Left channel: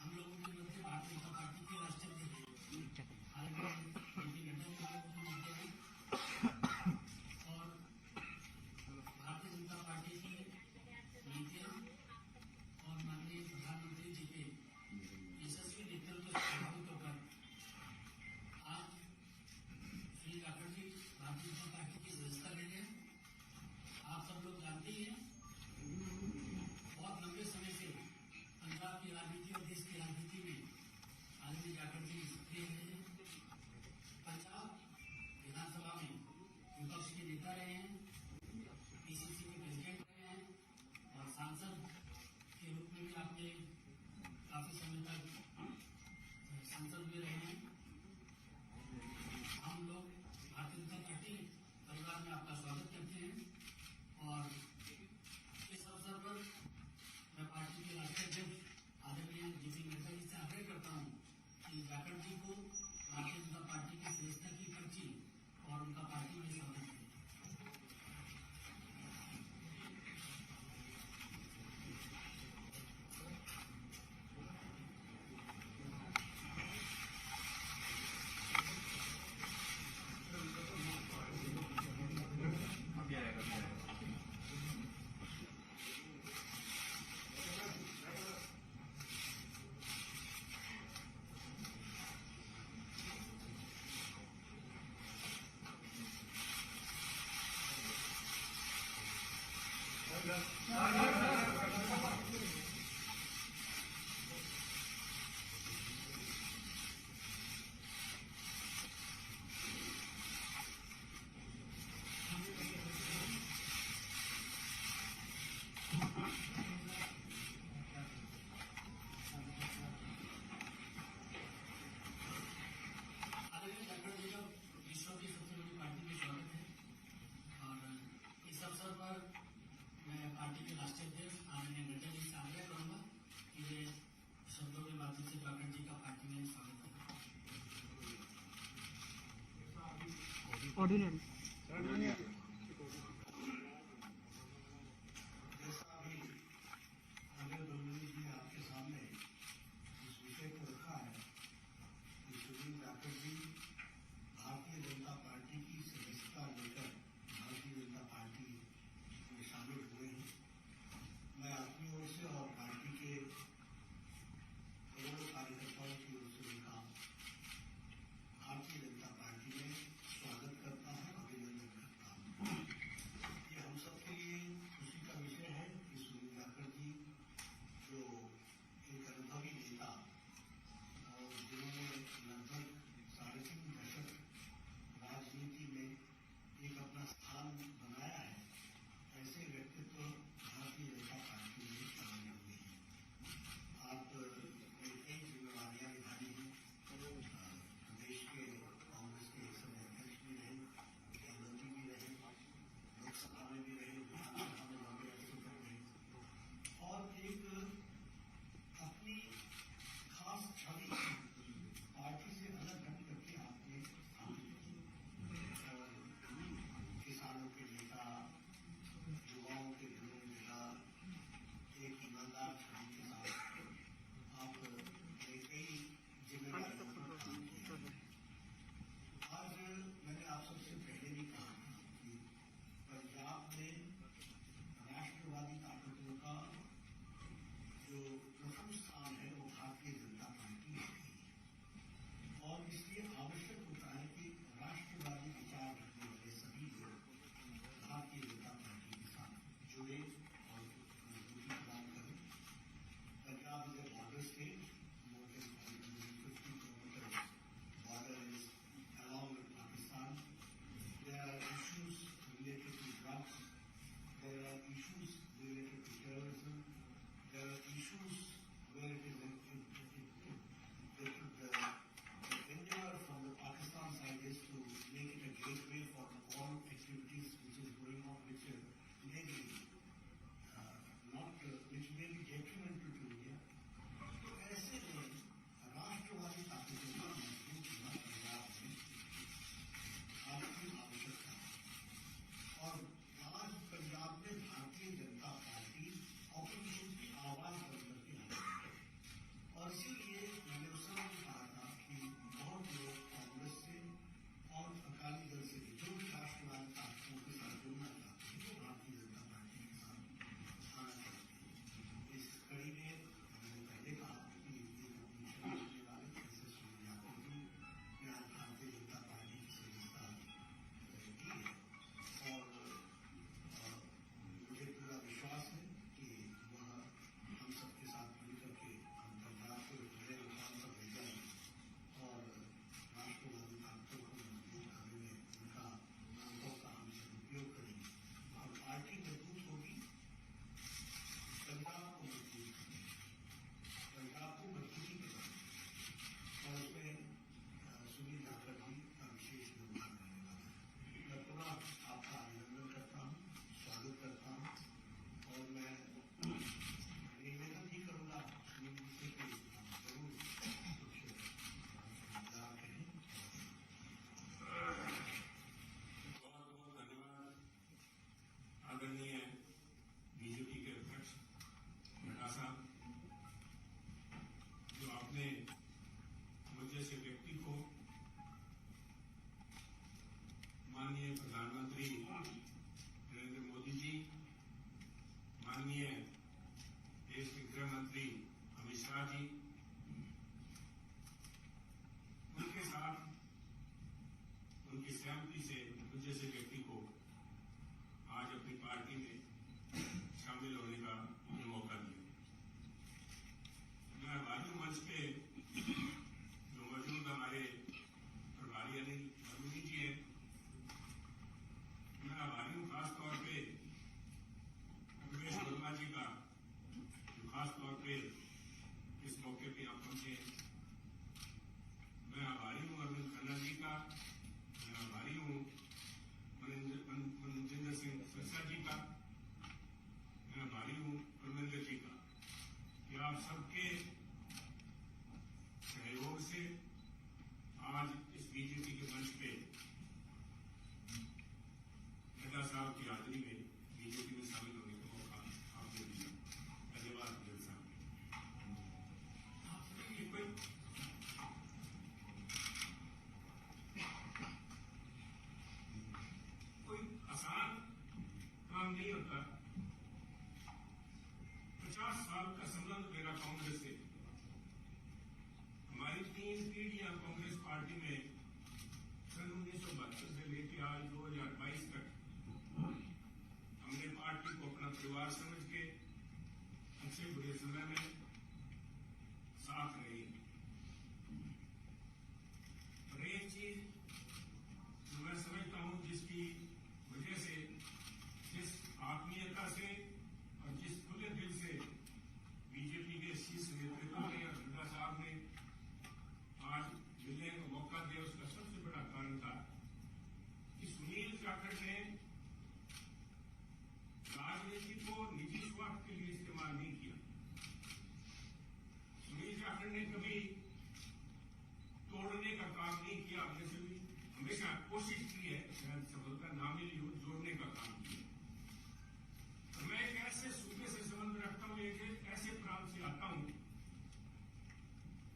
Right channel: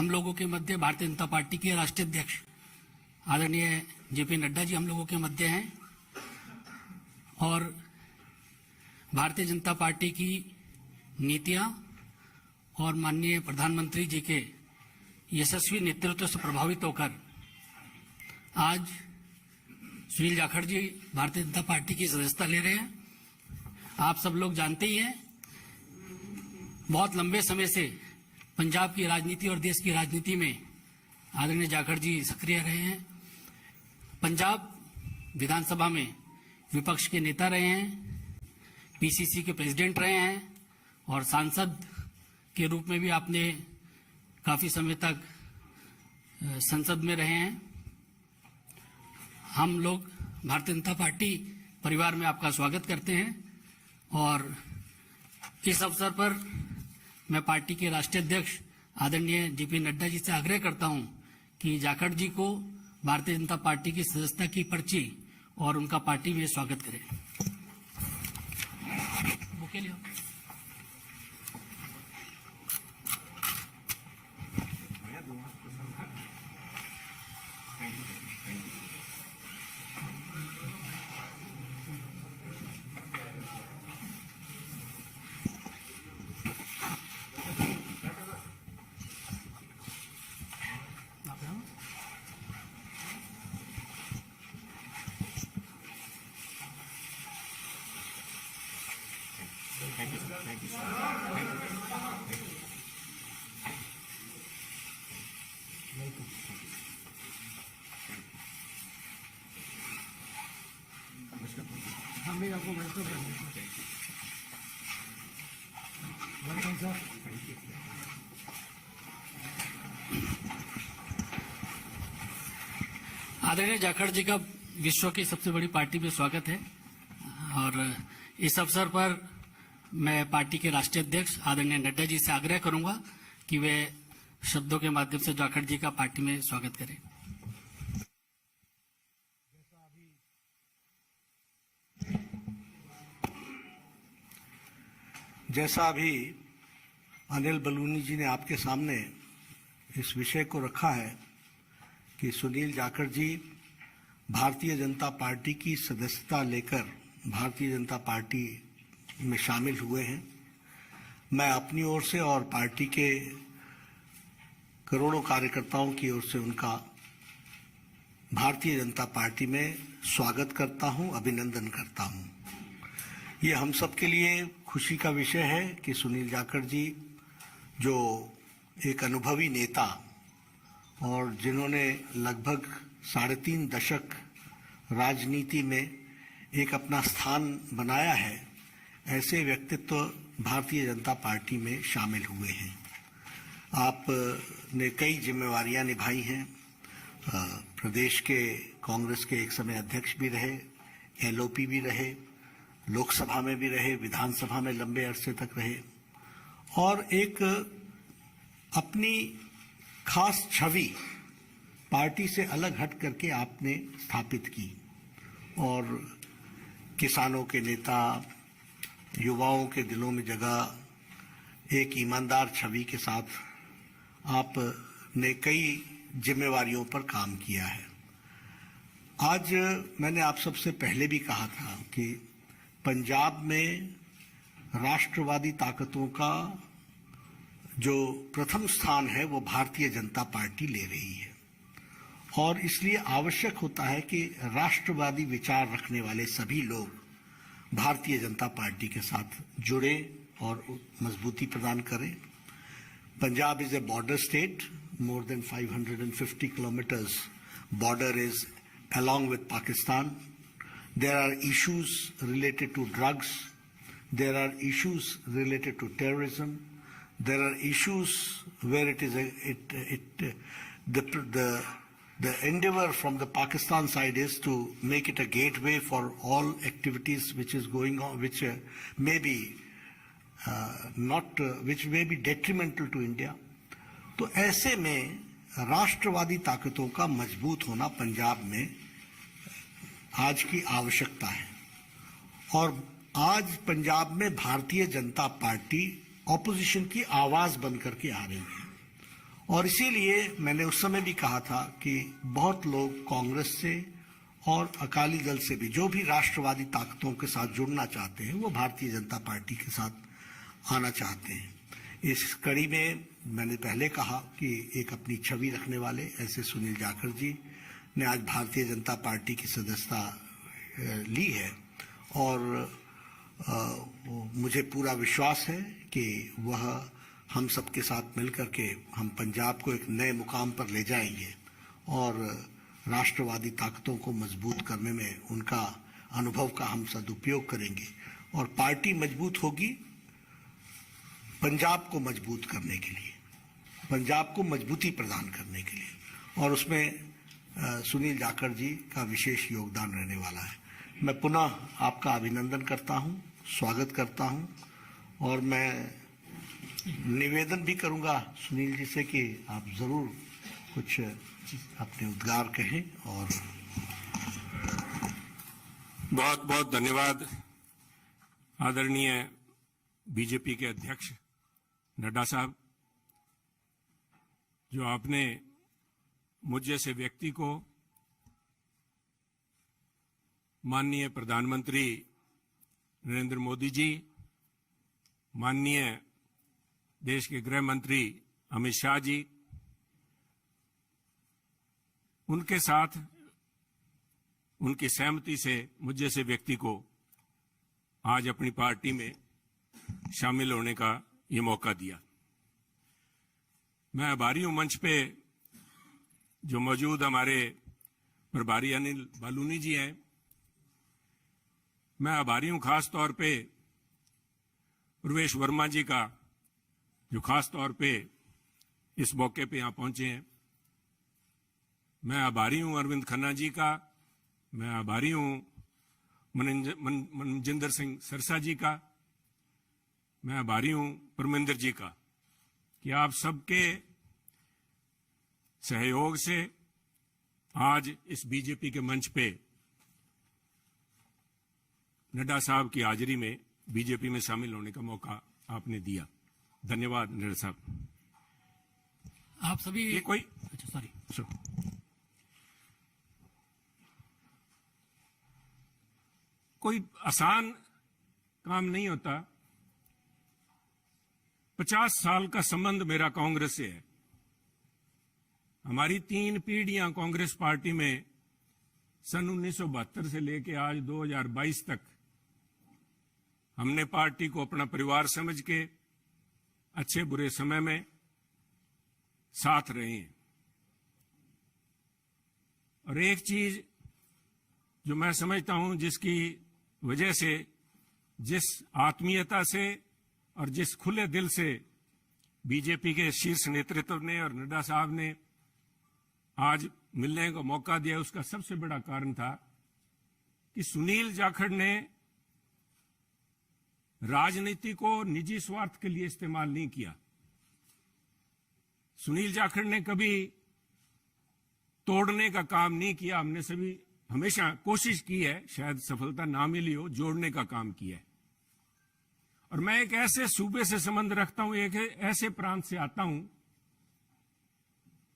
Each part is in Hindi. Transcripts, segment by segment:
हम लोगों के मध्य भारतीय जनता पार्टी के राष्ट्रीय अध्यक्ष आदरणीय जेपी नड्डा जी हम लोगों के मध्य हैं और भारतीय जनता पार्टी की नीतियां और माननीय प्रधानमंत्री जी के यशस्वी नेतृत्व से प्रभावित होकर आज सुनील जाखड़ जी भारतीय जनता पार्टी की सदस्यता ले रहे हैं। आप सब लोग जानते ही हैं, बहुत लंबे समय से पंजाब की राजनीति और देश की राजनीति में आदरणीय जाखड़ जी सक्रिय रहे हैं। पंजाब विधानसभा में विपक्ष के नेता रहे हैं, पीसीसी के प्रेसिडेंट रहे हैं और सांसद के रूप में भी आपने काफी समय तक संसद में रहे हैं। हम लोग भारतीय जनता पार्टी परिवार में आपका स्वागत करते हैं और इस अवसर पर मैं पार्टी के राष्ट्रीय अध्यक्ष आदरणीय जेपी नड्डा जी से आग्रह करता हूं कि जाखड़ जी को भारतीय जनता पार्टी की सदस्यता की पर्ची और उनका पार्टी में स्वागत करें। बुके लियो। आदरणीय जाखड़ जी का विश्व की सबसे बड़ी पार्टी में स्वागत है और इस अवसर पर मैं पार्टी के राष्ट्रीय अध्यक्ष आदरणीय नड्डा जी से आग्रह करूंगा कि वे शब्दों के माध्यम से जाखड़ जी का पार्टी में स्वागत करें। जैसा अभी अनिल बलूनी जी ने आपके सामने इस विषय को रखा है कि सुनील जाखड़ जी भारतीय जनता पार्टी की सदस्यता लेकर भारतीय जनता पार्टी में शामिल हुए हैं, मैं अपनी ओर से और पार्टी के करोड़ों कार्यकर्ताओं की ओर से उनका भारतीय जनता पार्टी में स्वागत करता हूं, अभिनंदन करता हूं। ये हम सब के लिए खुशी का विषय है कि सुनील जाखड़ जी जो एक अनुभवी नेता और जिन्होंने लगभग 3.5 दशक राजनीति में एक अपना स्थान बनाया है, ऐसे व्यक्तित्व भारतीय जनता पार्टी में शामिल हुए हैं। आपने कई जिम्मेवारियां निभाई हैं, प्रदेश के कांग्रेस के एक समय अध्यक्ष भी रहे, एलओपी भी रहे, लोकसभा में भी रहे, विधानसभा में लंबे अरसे तक रहे और एक अपनी खास छवि पार्टी से अलग हट करके आपने स्थापित की और किसानों के नेता, युवाओं के दिलों में जगह एक ईमानदार छवि के साथ आपने कई जिम्मेवारियों पर काम किया है। आज मैंने आप सबसे पहले भी कहा था कि पंजाब में राष्ट्रवादी ताकतों का जो प्रथम स्थान है वो भारतीय जनता पार्टी ले रही है और इसलिए आवश्यक होता है कि राष्ट्रवादी विचार रखने वाले सभी लोग भारतीय जनता पार्टी के साथ जुड़े और मजबूती प्रदान करें। Punjab is a border state, more than 550 kilometers border is along with Pakistan. There are issues related to drugs, there are issues related to terrorism, there are issues where it is the endeavor from the Pakistan side is to make it a gateway for all activities which is going on, which may be which may be detrimental to India. तो ऐसे में राष्ट्रवादी ताकतों का मजबूत होना पंजाब में आज की आवश्यकता है और आज पंजाब में भारतीय जनता पार्टी ऑपोजिशन की आवाज बन करके आ रही है और इसीलिए मैंने उस समय भी कहा था कि बहुत लोग कांग्रेस से और अकाली दल से भी, जो भी राष्ट्रवादी ताकतों के साथ जुड़ना चाहते हैं, वो भारतीय जनता पार्टी के साथ आना चाहते हैं। इस कड़ी में मैंने पहले कहा कि एक अपनी छवि रखने वाले ऐसे सुनील जाखड़ जी ने आज भारतीय जनता पार्टी की सदस्यता ली है, और मुझे पूरा विश्वास है कि वह हम सबके साथ मिलकर के हम पंजाब को एक नए मुकाम पर ले जाएंगे और राष्ट्रवादी ताकतों को मजबूत करने में उनका अनुभव का हम सदुपयोग करेंगे, और पार्टी मजबूत होगी पंजाब को मजबूत करने के लिए, पंजाब को मजबूती प्रदान करने के लिए, और उसमें सुनील जाखड़ जी का विशेष योगदान रहने वाला है। मैं पुनः आपका अभिनंदन करता हूं, स्वागत करता हूं, और मैं निवेदन भी करूंगा सुनील जी से कि आप जरूर कुछ अपने उद्गार कहें। और बहुत बहुत धन्यवाद आदरणीय बीजेपी के अध्यक्ष नड्डा साहब, जो आपने मुझ जैसे व्यक्ति को माननीय प्रधानमंत्री नरेंद्र मोदी जी, माननीय देश के गृह मंत्री अमित शाह जी, उनके साथ उनकी सहमति से मुझ जैसे व्यक्ति को आज अपनी पार्टी में शामिल होने का ये मौका दिया। मैं आभारी हूं मंच पे जो मौजूद हमारे प्रभारी अनिल बालूनी जी हैं। मैं आभारी हूं खास तौर पे प्रवेश वर्मा जी का, जो खास तौर पे इस मौके पे यहां पहुंचे हैं। मैं आभारी हूं अरविंद खन्ना जी का, मैं आभारी हूं मनजिंदर सिंह सरसा जी का, मैं आभारी हूं परमिंदर जी का कि आप सबके सहयोग से आज इस बीजेपी के मंच पे नड्डा साहब की हाजिरी में बीजेपी में शामिल होने का मौका आपने दिया। धन्यवाद नड्डा साहब। आप सभी ये कोई कोई आसान काम नहीं होता। 50 साल का संबंध मेरा कांग्रेस से है। हमारी 3 पीढ़ियां कांग्रेस पार्टी में सन 1972 से लेकर आज 2022 तक हमने पार्टी को अपना परिवार समझ के अच्छे बुरे समय में साथ रहे हैं। और एक चीज जो मैं समझता हूं, जिसकी वजह से, जिस आत्मीयता से और जिस खुले दिल से बीजेपी के शीर्ष नेतृत्व ने और नड्डा साहब ने आज मिलने का मौका दिया, उसका सबसे बड़ा कारण था कि सुनील जाखड़ ने राजनीति को निजी स्वार्थ के लिए इस्तेमाल नहीं किया। सुनील जाखड़ ने कभी तोड़ने का काम नहीं किया। हमने सभी हमेशा कोशिश की है, शायद सफलता ना मिली हो, जोड़ने का काम किया है। और मैं एक ऐसे सूबे से संबंध रखता हूं, एक ऐसे प्रांत से आता हूं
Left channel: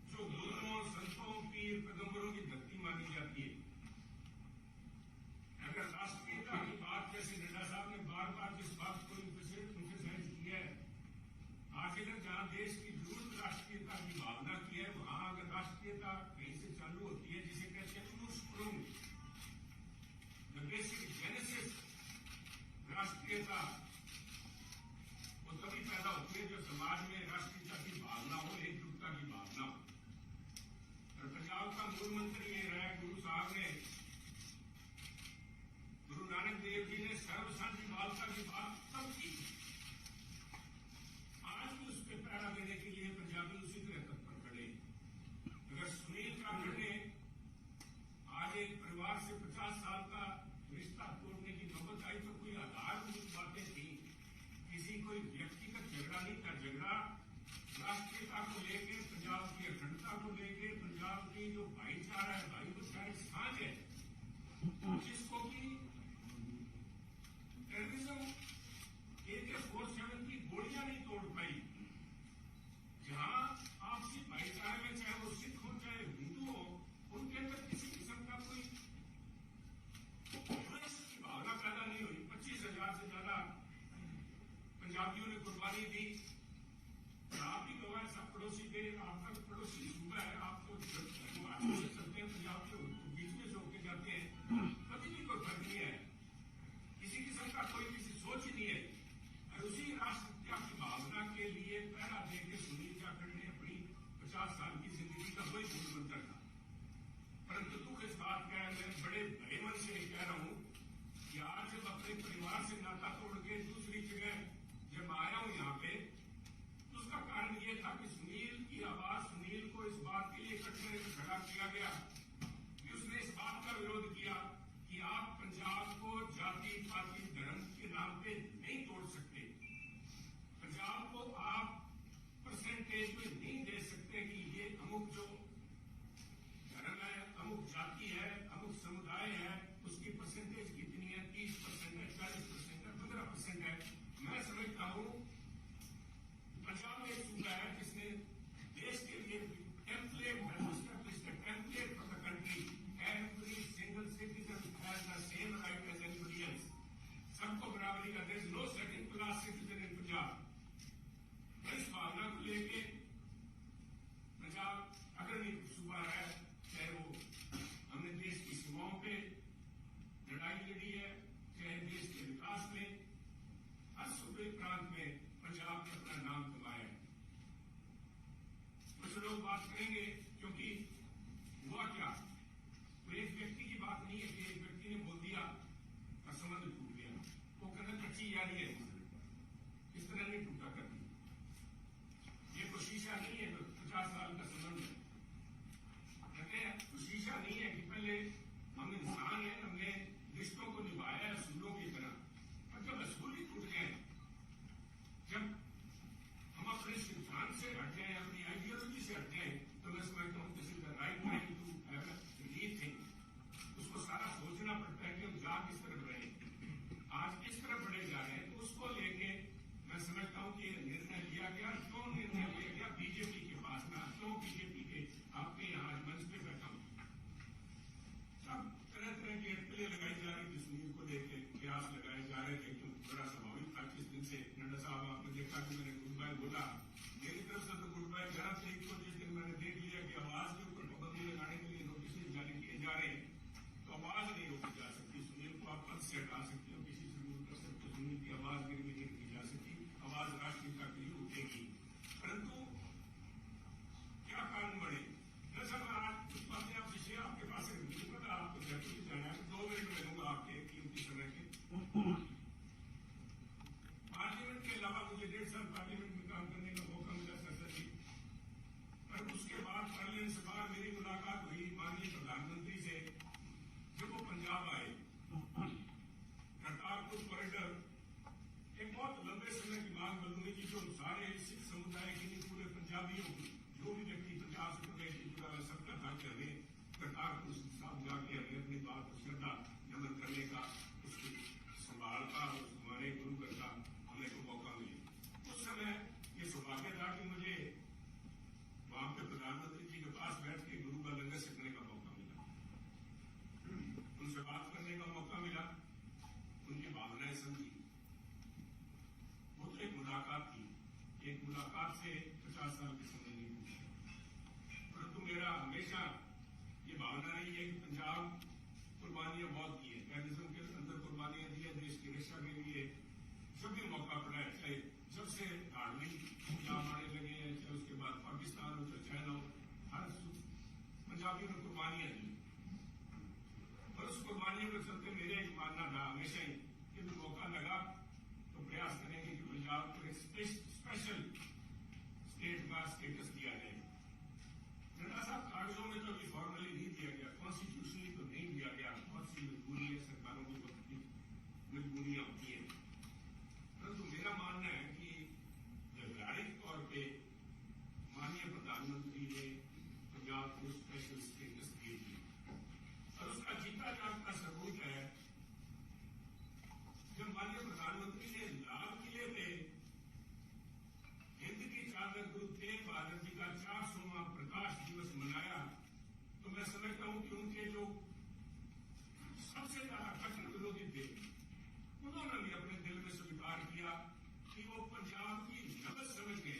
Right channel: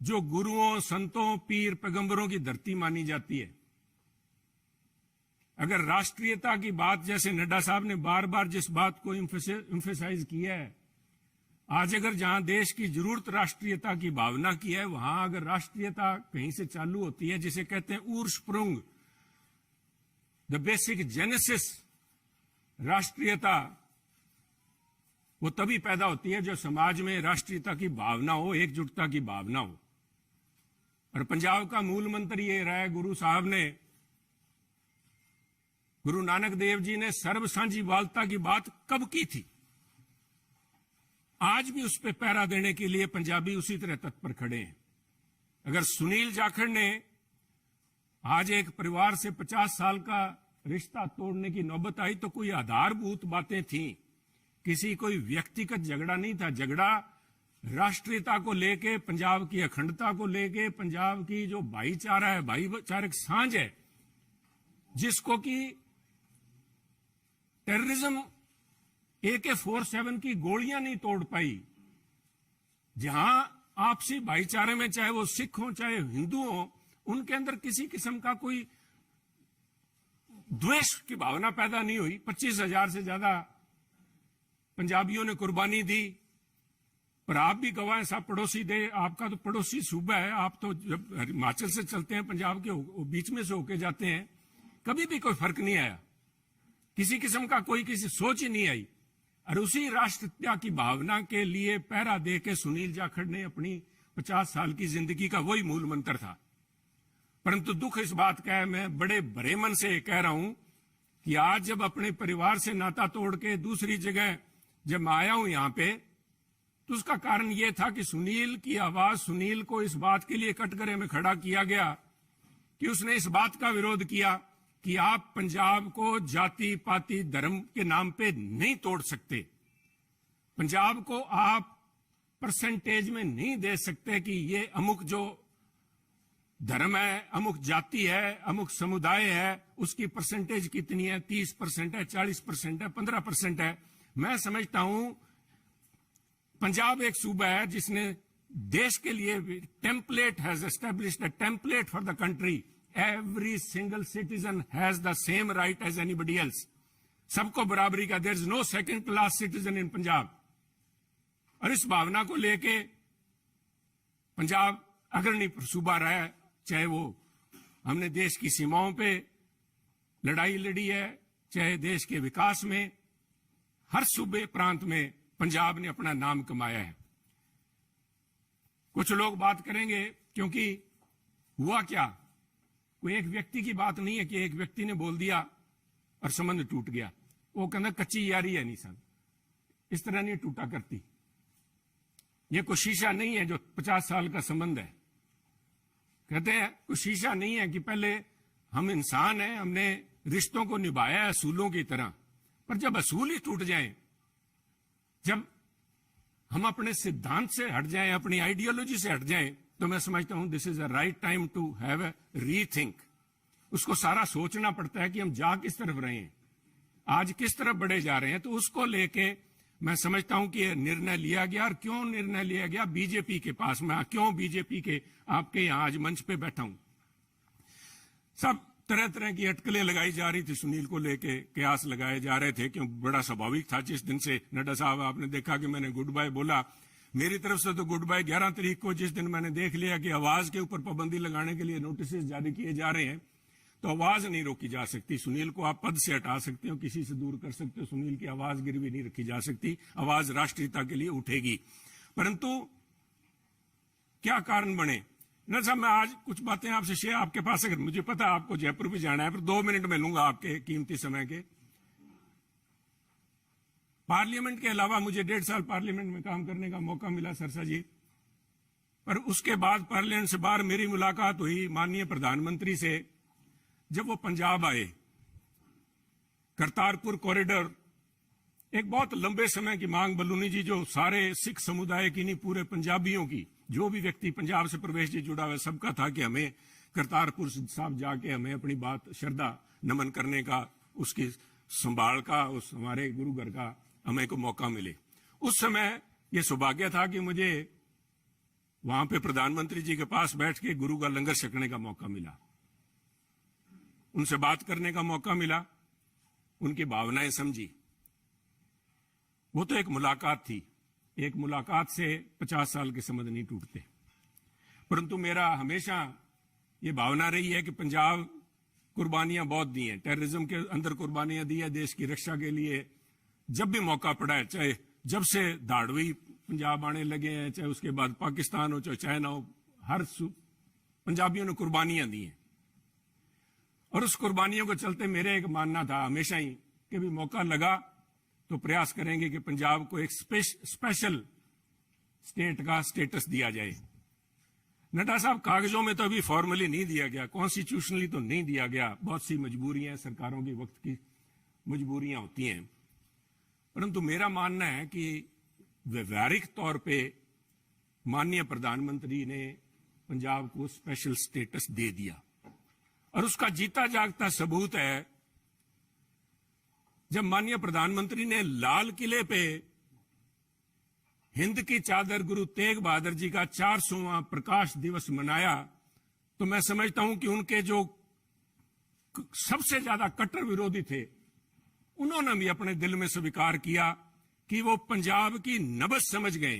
जो गुरुओं, संतों, पीर, पैगंबरों की धरती मानी जाती है। अगर राष्ट्रीयता की बात, जैसे नड्डा साहब ने बार बार जिस बात को एम्फेसाइज किया है, आज अगर जहां देश की जरूरत राष्ट्रीयता की भावना की है, वहां अगर राष्ट्रीयता कहीं से चालू होती है, जिसे कहते हैं उर्स्प्रुंग, द बेसिक जेनेसिस, राष्ट्रीयता वो तभी पैदा होती है जब समाज में राष्ट्रीयता की भावना हो, एकजुटता की भावना हो। और पंजाब का मूल मंत्र ये रहा है, गुरु साहब ने, गुरु नानक देव जी ने सर्व साझीवालता की बात कब की थी? आज भी उस पर पहरा देने के लिए पंजाबी उसी तरह तत्पर खड़े हैं। अगर सुनील जाखड़ ने आज एक परिवार से 50 साल का रिश्ता तोड़ने की नौबत आई तो कोई आधारभूत बातें थी, किसी कोई व्यक्तिगत झगड़ा नहीं था। झगड़ा राष्ट्रीयता को लेके, पंजाब की अखंडता को लेके, पंजाब की जो भाईचारा है, भाईचारक सांझ है, जिसको कि टेररिज्म AK-47 की गोलियां नहीं तोड़ पाई। जहां आपसी भाईचारे में, चाहे वो सिख हो चाहे हिंदू हो, उनके अंदर किसी किस्म का कोई द्वेष की भावना पैदा नहीं हुई। 25,000 से ज्यादा पंजाबियों ने कुर्बानी दी। पर आप भी गवाह हैं, साहब पड़ोसी दे, आपका तो पड़ोसी सूबा है, आप तो जब हिमाचल से चलते हैं पंजाब के बीच में से होके जाते हैं, कभी भी कोई फर्क नहीं आया, किसी किस्म का कोई किसी सोच ही नहीं आई। और उसी राष्ट्रीयता की भावना के लिए पहरा दे के सुनील जाखड़ ने अपनी 50 साल की जिंदगी का वही मूल मंत्र था। परंतु दुख इस बात का है, मैं बड़े भरे मन से कह रहा हूं कि आज जब अपने परिवार से नाता तोड़ के दूसरी जगह जब मैं आया हूं यहां पे, तो उसका कारण यह था कि सुनील की आवाज, सुनील को इस बात के लिए कटघरे में खड़ा किया गया कि उसने इस बात का विरोध किया कि आप पंजाब को जाति पाति धर्म के नाम पे नहीं तोड़ सकते, पंजाब को आप परसेंटेज में नहीं दे सकते कि ये अमुक जो धर्म है, अमुक जाति है, अमुक समुदाय है, उसकी परसेंटेज कितनी है, 30% है, 40% है, 15% है। मैं समझता हूं पंजाब एक सूबा है जिसने देश के लिए template has established a template for the country. Every single citizen has the same right as anybody else. सबको बराबरी का, there is no second class citizen in Punjab. और इस भावना को लेके पंजाब अग्रणी सूबा रहा है, चाहे वो हमने देश की सीमाओं पे लड़ाई लड़ी है, चाहे देश के विकास में, हर सूबे प्रांत में पंजाब ने अपना नाम कमाया है। कुछ लोग बात करेंगे क्योंकि हुआ क्या, कोई एक व्यक्ति की बात नहीं है कि एक व्यक्ति ने बोल दिया और संबंध टूट गया। वो कहना कच्ची यारी है, नहीं सन इस तरह नहीं टूटा करती। ये कोई शीशा नहीं है जो 50 साल का संबंध है। कहते हैं कोई शीशा नहीं है कि पहले हम इंसान हैं, हमने रिश्तों को निभाया है असूलों की तरह, पर जब असूल ही टूट जाएं, जब हम अपने सिद्धांत से हट जाएं, अपनी आइडियोलॉजी से हट जाएं, तो मैं समझता हूं this is a right time to have a rethink. उसको सारा सोचना पड़ता है कि हम जा किस तरफ रहे हैं, आज किस तरफ बढ़े जा रहे हैं। तो उसको लेके मैं समझता हूं कि निर्णय लिया गया। और क्यों निर्णय लिया गया, बीजेपी के पास, मैं क्यों बीजेपी के आपके यहां आज मंच पे बैठा हूं। सब तरह तरह की अटकलें लगाई जा रही थी सुनील को लेके, कयास लगाए जा रहे थे, क्यों बड़ा स्वाभाविक था। जिस दिन से नड्डा साहब आपने देखा कि मैंने गुड बाय बोला, मेरी तरफ से तो गुड बाय 11 तारीख को, जिस दिन मैंने देख लिया कि आवाज के ऊपर पाबंदी लगाने के लिए नोटिस जारी किए जा रहे हैं, तो आवाज नहीं रोकी जा सकती। सुनील को आप पद से हटा सकते हो, किसी से दूर कर सकते हो, सुनील की आवाज गिरवी नहीं रखी जा सकती। आवाज राष्ट्रीयता के लिए उठेगी। परंतु क्या कारण बने न साहब, मैं आज कुछ बातें आपसे शेयर, आपके पास अगर मुझे पता है आपको जयपुर भी जाना है, पर 2 मिनट में लूंगा आपके कीमती समय के। पार्लियामेंट के अलावा मुझे 1.5 साल पार्लियामेंट में काम करने का मौका मिला सरसा जी। पर उसके बाद पार्लियामेंट से बाहर मेरी मुलाकात हुई माननीय प्रधानमंत्री से, जब वो पंजाब आए। करतारपुर कॉरिडोर एक बहुत लंबे समय की मांग बलूनी जी, जो सारे सिख समुदाय की नहीं, पूरे पंजाबियों की, जो भी व्यक्ति पंजाब से प्रवेश जी जुड़ा हुआ सबका था कि हमें करतारपुर साहब जाके हमें अपनी बात श्रद्धा नमन करने का, उसकी संभाल का, उस हमारे गुरु घर का हमें को मौका मिले। उस समय यह सौभाग्य था कि मुझे वहां पे प्रधानमंत्री जी के पास बैठ के गुरु का लंगर छकने का मौका मिला, उनसे बात करने का मौका मिला, उनकी भावनाएं समझी। वो तो एक मुलाकात थी, एक मुलाकात से 50 साल के संबंध नहीं टूटते। परंतु मेरा हमेशा ये भावना रही है कि पंजाब कुर्बानियां बहुत दी हैं, टेररिज्म के अंदर कुर्बानियां दी है देश की रक्षा के लिए। जब भी मौका पड़ा है, चाहे जब से धाड़वी पंजाब आने लगे हैं, चाहे उसके बाद पाकिस्तान हो, चाहे चाइना हो, हर पंजाबियों ने कुर्बानियां दी हैं। और उस कुर्बानियों को चलते मेरे एक मानना था हमेशा ही कि भी मौका लगा तो प्रयास करेंगे कि पंजाब को एक स्पेशल स्टेट का स्टेटस दिया जाए। नड्डा साहब, कागजों में तो अभी फॉर्मली नहीं दिया गया, कॉन्स्टिट्यूशनली तो नहीं दिया गया, बहुत सी मजबूरियां, सरकारों की वक्त की मजबूरियां होती हैं। परंतु मेरा मानना है कि व्यवहारिक तौर पे माननीय प्रधानमंत्री ने पंजाब को स्पेशल स्टेटस दे दिया। और उसका जीता जागता सबूत है जब माननीय प्रधानमंत्री ने लाल किले पे हिंद की चादर गुरु तेग बहादुर जी का 400वां प्रकाश दिवस मनाया, तो मैं समझता हूं कि उनके जो सबसे ज्यादा कट्टर विरोधी थे, उन्होंने भी अपने दिल में स्वीकार किया कि वो पंजाब की नब्ज समझ गए।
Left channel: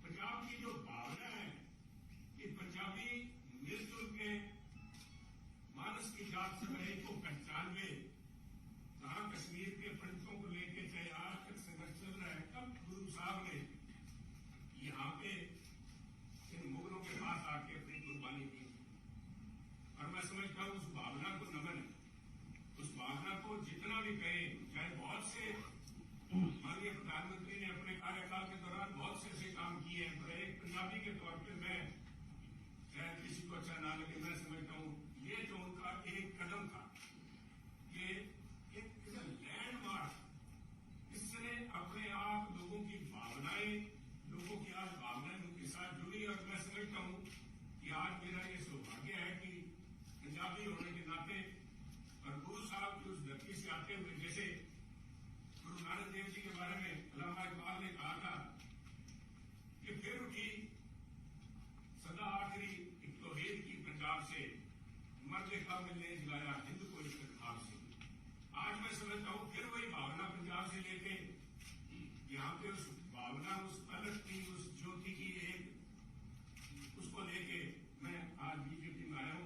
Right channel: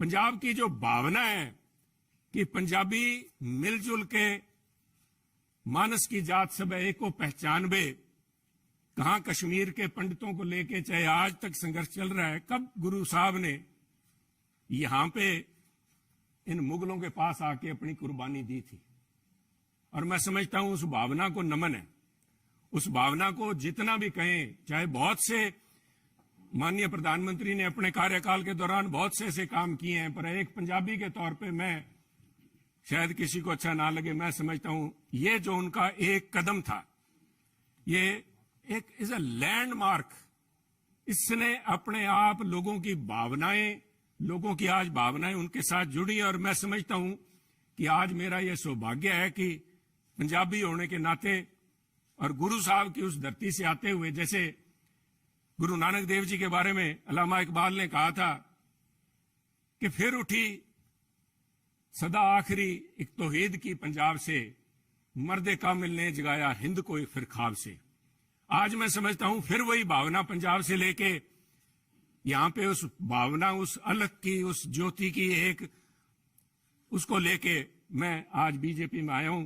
पंजाब की जो भावना है कि पंजाबी मिलजुल के मानस की जात सब एक को पहचानबे, कहां कश्मीर के पंडितों को लेके चाहे आज तक संघर्ष चल रहा है, कब गुरु साहब ने यहां पे इन मुगलों के पास आके अपनी कुर्बानी दी थी। और मैं समझता हूं उस भावना को नमन है। उस भावना को जितना भी कहें, चाहे बहुत से माननीय प्रधानमंत्री ने अपने कार्यकाल के दौरान बहुत से ऐसे काम किए हैं, पर एक पंजाबी के तौर पे मैं, शायद किसी को अच्छा ना लगे, मैं समझता हूं ये जो उनका एक कदम था, ये एक इज अ लैंडमार्क। इसने अपने आप लोगों की भावनाएं, लोगों की आज भावनाएं उनके साथ जुड़ी हैं। और मैं समझता हूं कि आज मेरा यह सौभाग्य है कि पंजाबी होने के नाते और गुरु साहब की उस धरती से आते हुए, जैसे गुरु नानक देव जी के बारे में अल्लामा इकबाल ने कहा था कि फिर उठी सदा आखिरी एक तौहीद की पंजाब से, मर्दे कामिल ने जगाया हिंद को फिर ख्वाब से। आज मैं समझता हूं फिर वही भावना पंजाब से लेके यहां पे उस भावना, उस अलग की, उस ज्योति की एक, उसको लेके मैं आज बीजेपी में आया हूं।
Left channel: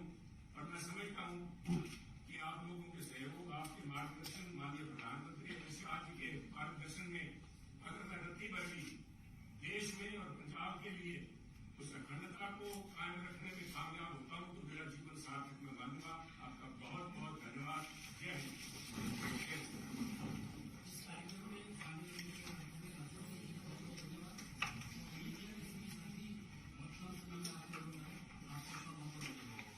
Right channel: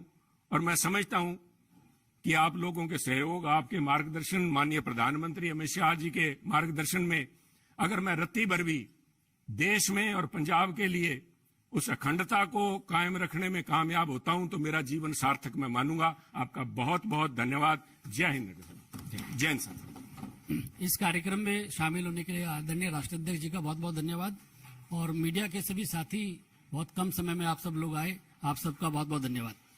और मैं समझता हूं कि आप लोगों के सहयोग, आपके मार्गदर्शन, माननीय प्रधानमंत्री अमित शाह जी के मार्गदर्शन में अगर मैं रत्ती भर भी देश में और पंजाब के लिए उस अखंडता को कायम रखने में कामयाब होता हूं तो मेरा जीवन सार्थक मैं मानूंगा। आपका बहुत बहुत धन्यवाद। जय हिंद, जय हिंद। इस कार्यक्रम में शामिल होने के लिए आदरणीय राष्ट्राध्यक्ष जी का बहुत बहुत धन्यवाद। और मीडिया के सभी साथी, बहुत कम समय में आप सब लोग आए, आप सबका बहुत बहुत धन्यवाद।